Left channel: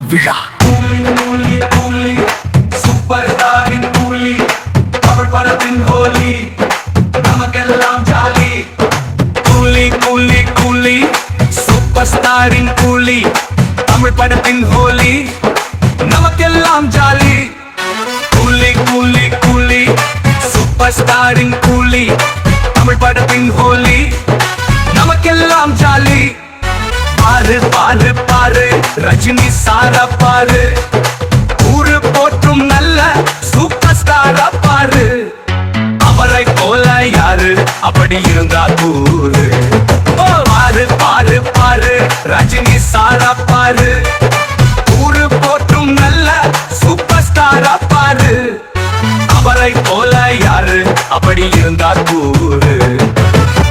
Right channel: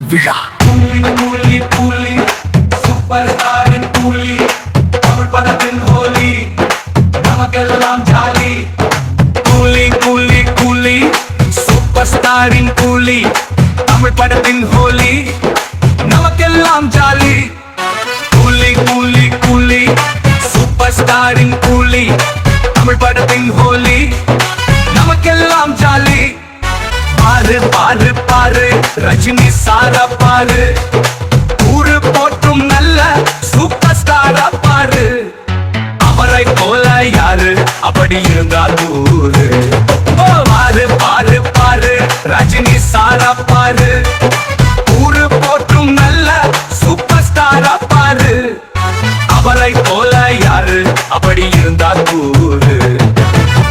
விழா. கூலி கூலி கூலி சூப்பர் ஸ்டாரின் கூலி தமிழ் படத்தின் ஹோலி நமக்கெல்லாம் ஜாலி. கூலி கூலி கூலி சூப்பர் ஸ்டாரின் கூலி தமிழ் படத்தின் ஹோலி நமக்கெல்லாம் ஜாலி. கூலி கூலி கூலி சூப்பர் ஸ்டாரின் கூலி தமிழ் படத்தின் ஹோலி நமக்கெல்லாம் ஜாலி. பாரு பாரு பாரு ரஜினி சார பாரு, ஊரு போற்றும் நல்ல சூப்பர் ஸ்டார பாரு. அவரை போல யாரு அப்படி இருந்தா கூறு. பாரு பாரு பாரு ரஜினி சார பாரு, ஊரு போற்றும் நல்ல சூப்பர் ஸ்டார பாரு. அவரை போல யாரு அப்படி இருந்தா கூறு.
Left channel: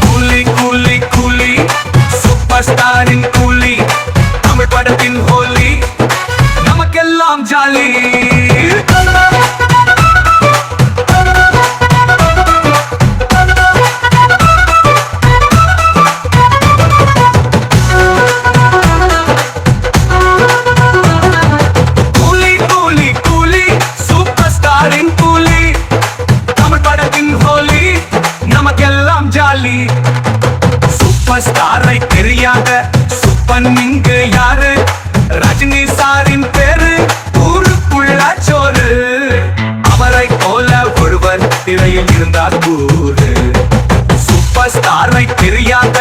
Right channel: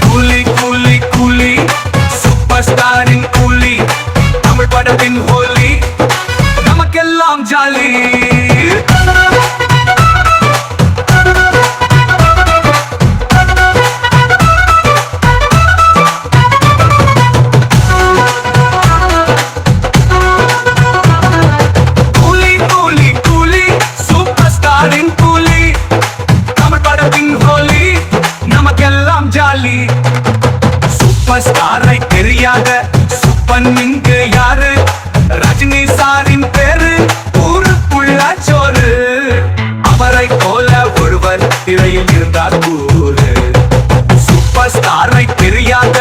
கூலி கூலி கூலி சூப்பர் ஸ்டாரின் கூலி தமிழ் படத்தின் ஹோலி நமக்கெல்லாம் ஜாலி. கூலி கூலி கூலி சூப்பர் ஸ்டாரின் கூலி தமிழ் படத்தின் ஹோலி நமக்கெல்லாம் ஜாலி. சூப்பர் ஸ்டாரை தெரியாத சூப்பன் இங்கு யாரு? ரஜினி சாரின் பேரு ஊருக்குள்ள சோறு. அவரை போல ஒருவர் திரையில் இருந்தார் கூறு. சூப்பர் ஸ்டாரை தெரியாத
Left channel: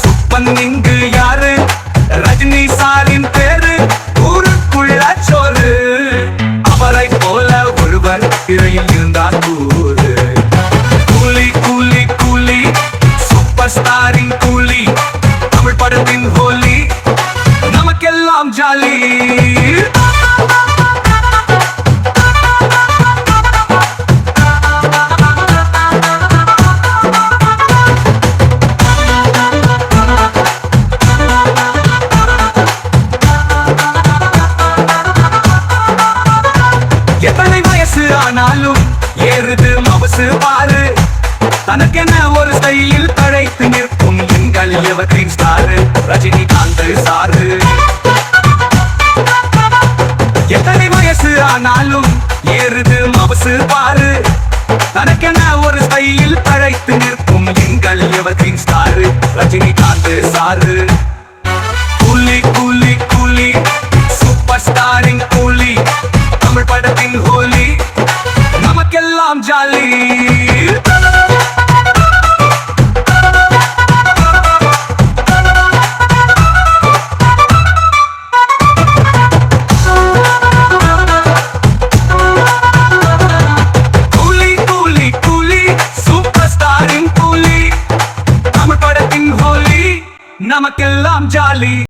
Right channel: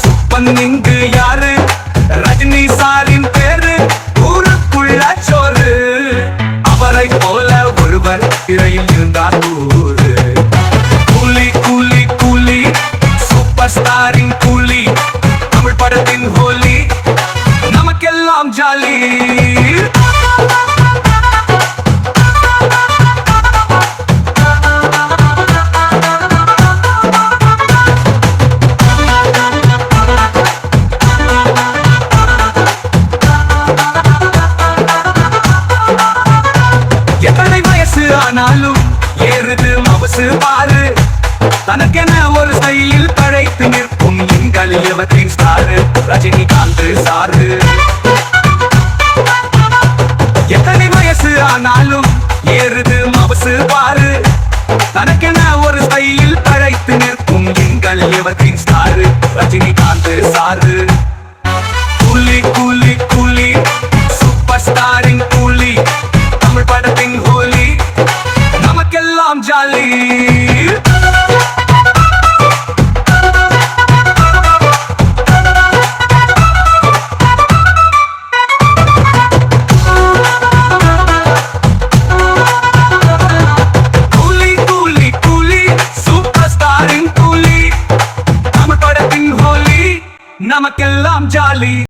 சூப்பன் இங்கு யாரு? ரஜினி சாரின் பேரு ஊருக்குள்ள சோறு. அவரை போல ஒருவர் திரையில் இருந்தார் கூறு. கூலி கூலி கூலி சூப்பர் ஸ்டாரின் கூலி தமிழ் படத்தின் ஹோலி நமக்கெல்லாம் ஜாலி. எத்தனை வயசு ஆனாலும் ஏறுது மவசு பாரு. தனக்கென ஒரு ஸ்டைலில் தழைத்து நிற்கும் எங்கள் எவர்கிரீன் ஸ்டார் ரஜினிகாந்த் சாரு. எத்தனை வயசு ஆனாலும் ஏறுது மவசு பாரு. தனக்கென ஒரு ஸ்டைலில் தழைத்து நிற்கும் எங்கள் எவர்கிரீன் ஸ்டார் ரஜினிகாந்த் சாரு. கூலி கூலி கூலி சூப்பர் ஸ்டாரின் கூலி தமிழ் படத்தின் ஹோலி நமக்கெல்லாம் ஜாலி. கூலி கூலி கூலி சூப்பர் ஸ்டாரின் கூலி தமிழ் படத்தின் ஹோலி நமக்கெல்லாம் ஜாலி.